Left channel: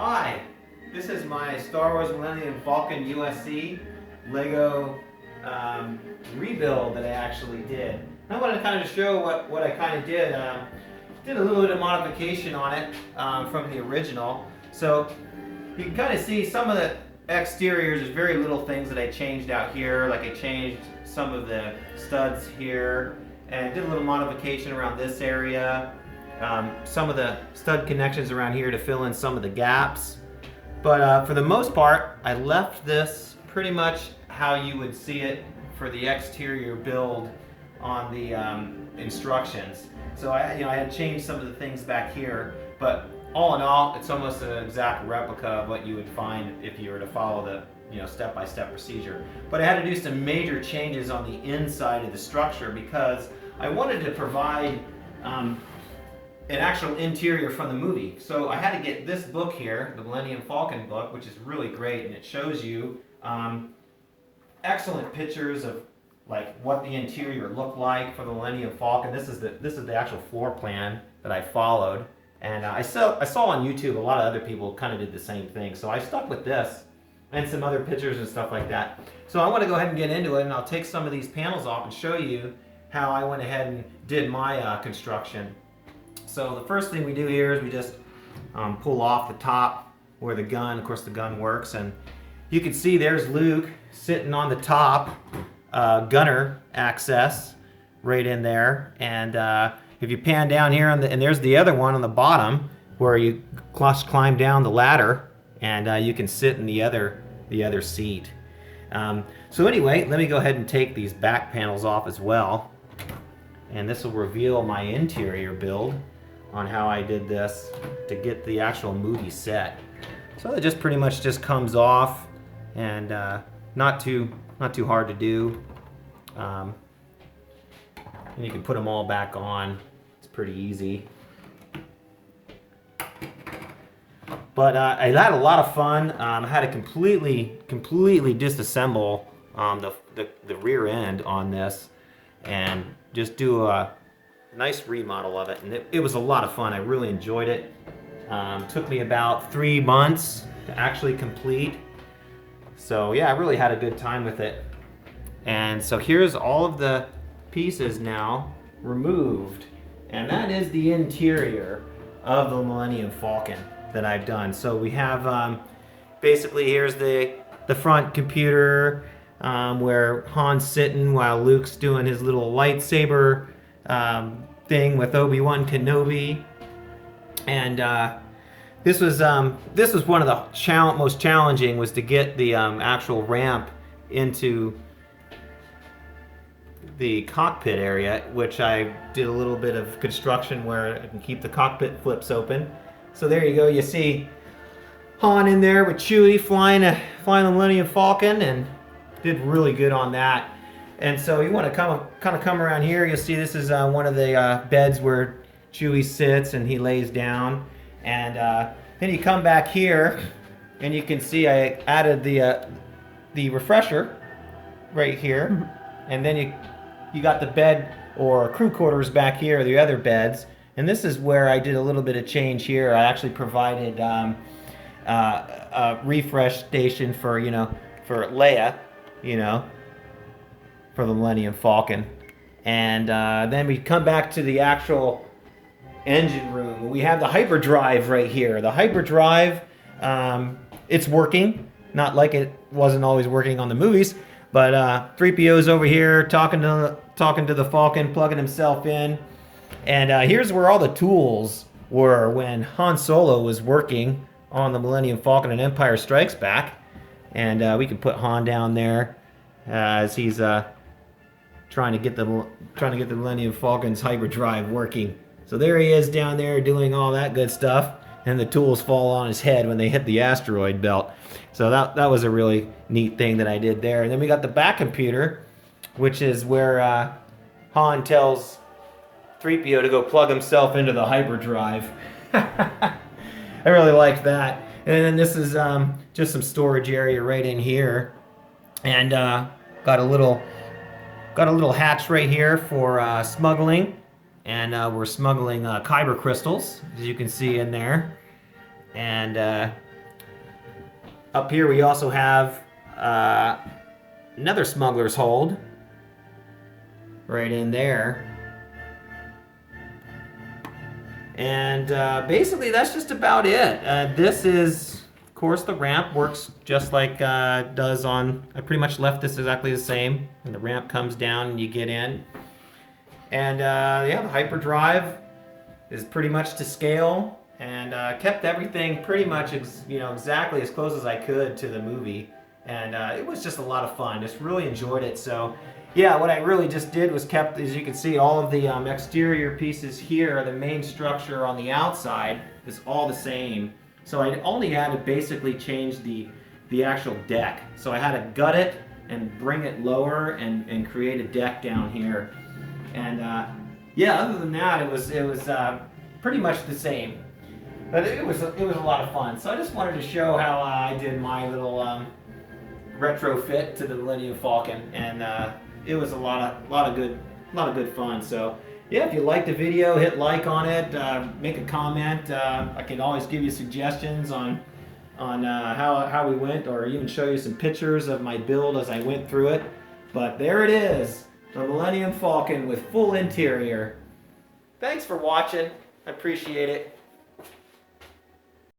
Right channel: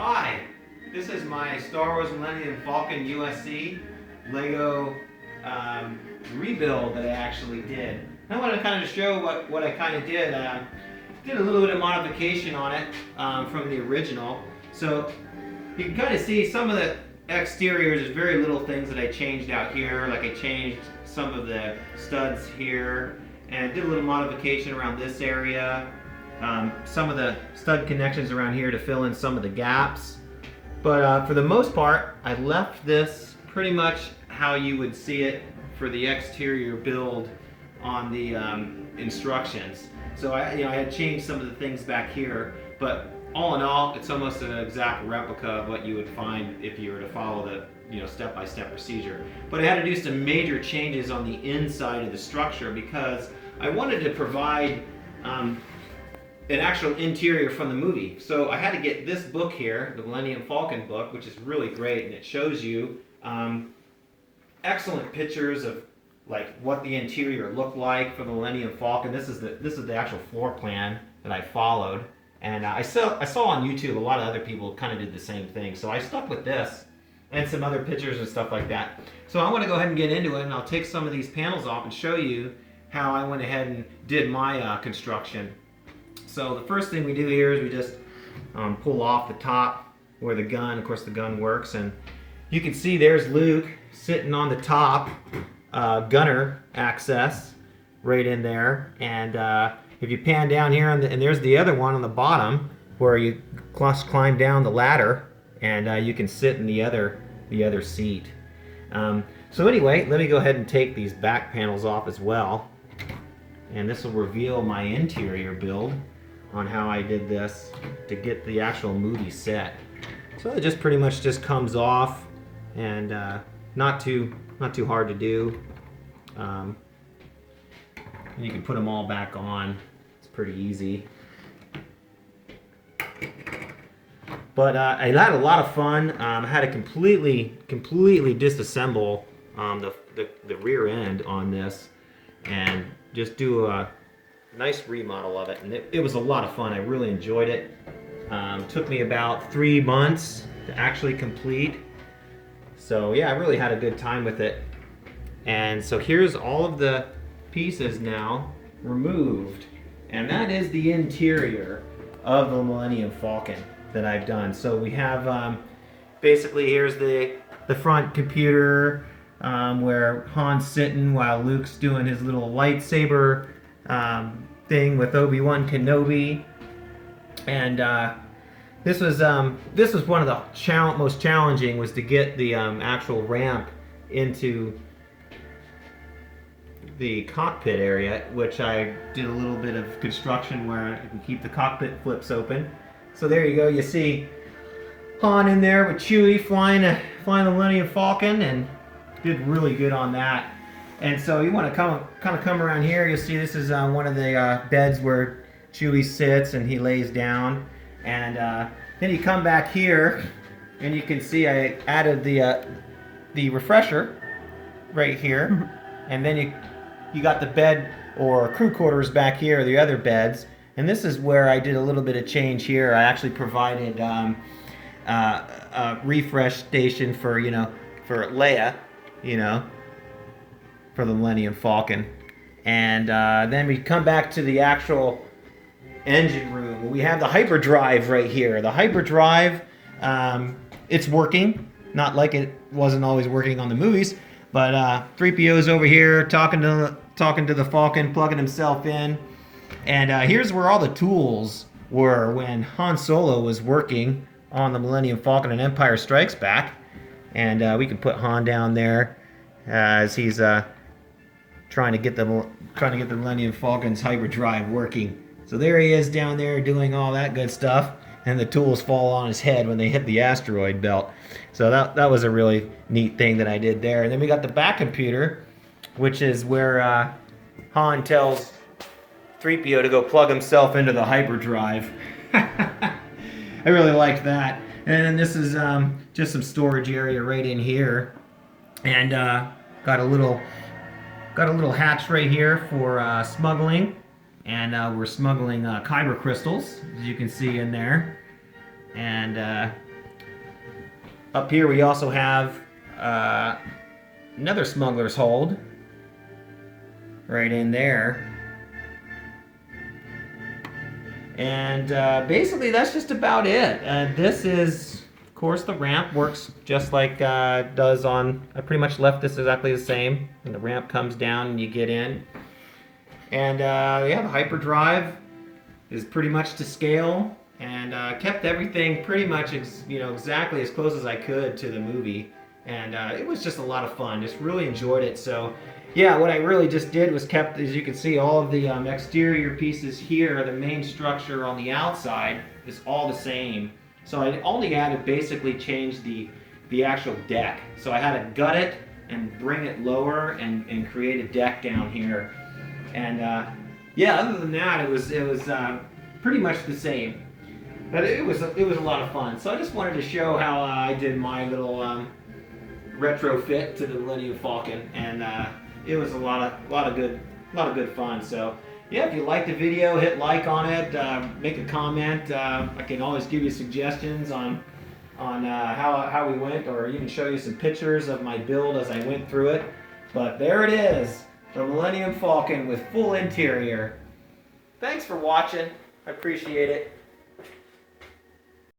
Hi, this is my Star Wars Millennium Falcon USC Lego rebuild that I actually did. I want to kind of show what I kind of did. Did a little bit of modification on it from the original. So you can kind of see some of the exteriors. There's very little things that I changed out here. Like I changed some of the studs here and did a little modification around this area. Some of the stud connections around here to fill in some of the gaps. But for the most part, I left this pretty much how you would see it for the exterior build on the instructions. So I had changed some of the things back here, but all in all, it's almost an exact replica of what you would find if you were to follow the step-by-step procedure. But I had to do some major changes on the inside of the structure because I wanted to provide an actual interior from the movie. So I had to get this book here, the Millennium Falcon book, which is really great, and it shows you excellent pictures of like what the interior looked like for the Millennium Falcon. This is the actual floor plan that I followed, and I saw on YouTube a lot of other people kind of did the same thing. So I stuck with this and some other pictures and stuff like that. So I want to go ahead and get into it, and I'll take some of these panels off and show you how I went ahead and did my construction. So the first thing we do here is we just pull off the top where the gun, of course the gun works, and you can see there's Luke sitting on the top, gunner access right in there, and if you pan down here, and there's the other one on the bottom where you climb down the ladder, and you can sit in the other seat. So anyway, let me go ahead and take these back panels off as well, and this will reveal my interior build on how I did this to get the actual movie set. So it just pretty much just comes off, and not too hard to do. And you can put them all back on. It's pretty easy. But I had a lot of fun. I had to completely disassemble the rear end on this and just do a nice remodel of it, and it was a lot of fun. I really enjoyed it. Took me about 3 months to actually complete. So yeah, I really had a good time with it. And so here's all of the pieces now removed, and that is the interior of the Millennium Falcon that I've done. So we have basically here's the front computer where Han's sitting while Luke's doing his little lightsaber thing with Obi-Wan Kenobi, and this was one of the most challenging, was to get the actual ramp into the cockpit area, which I did a little bit of construction where I can keep the cockpit flips open. So there you go. You see Han in there with Chewie flying the Millennium Falcon, and did really good on that. And so you want to kind of come around here. You'll see this is one of the beds where Chewie sits and he lays down. And then you come back here, and you can see I added the refresher right here. And then you got the bed or crew quarters back here, the other beds. And this is where I did a little bit of change here. I actually provided a refresh station for Leia, for the Millennium Falcon. And then we come back to the actual engine room. We have the hyperdrive right here. The hyperdrive, it's working. Not like it wasn't always working on the movies, but 3PO's over here talking to the Falcon, plugging himself in. And here's where all the tools were when Han Solo was working on the Millennium Falcon and Empire Strikes Back. And we can put Han down there as he's trying to get the Millennium Falcon's hyperdrive working. So there he is down there doing all that good stuff, and the tools fall on his head when they hit the asteroid belt. So that was a really neat thing that I did there. And then we got the back computer, which is where Han tells 3PO to go plug himself into the hyperdrive. I really liked that. And then this is just some storage area right in here, and got a little hatch right here for smuggling, and we're smuggling kyber crystals, as you can see in there. And Up here we also have another smuggler's hold right in there. And basically that's just about it. This is, of course, the ramp works just like it does on, I pretty much left this exactly the same. And the ramp comes down and you get in. And yeah, the hyperdrive is pretty much to scale, and kept everything pretty much exactly as close as I could to the movie. And it was just a lot of fun. Just really enjoyed it. So yeah, what I really just did was kept, as you can see, all of the exterior pieces here, the main structure on the outside is all the same. So I only had to basically change the actual deck. So I had to gut it and bring it lower and create a deck down here. And yeah, other than that, it was pretty much the same. But it was a lot of fun. So I just wanted to show how I did my little retrofit to the Millennium Falcon, and it was a lot of good fun. So yeah, if you liked the video, hit like on it, make a comment. I can always give you suggestions on how we went, or even show you some pictures of my build as I went through it. But there it is, the Millennium Falcon with full interior. Thanks for watching. I appreciate it.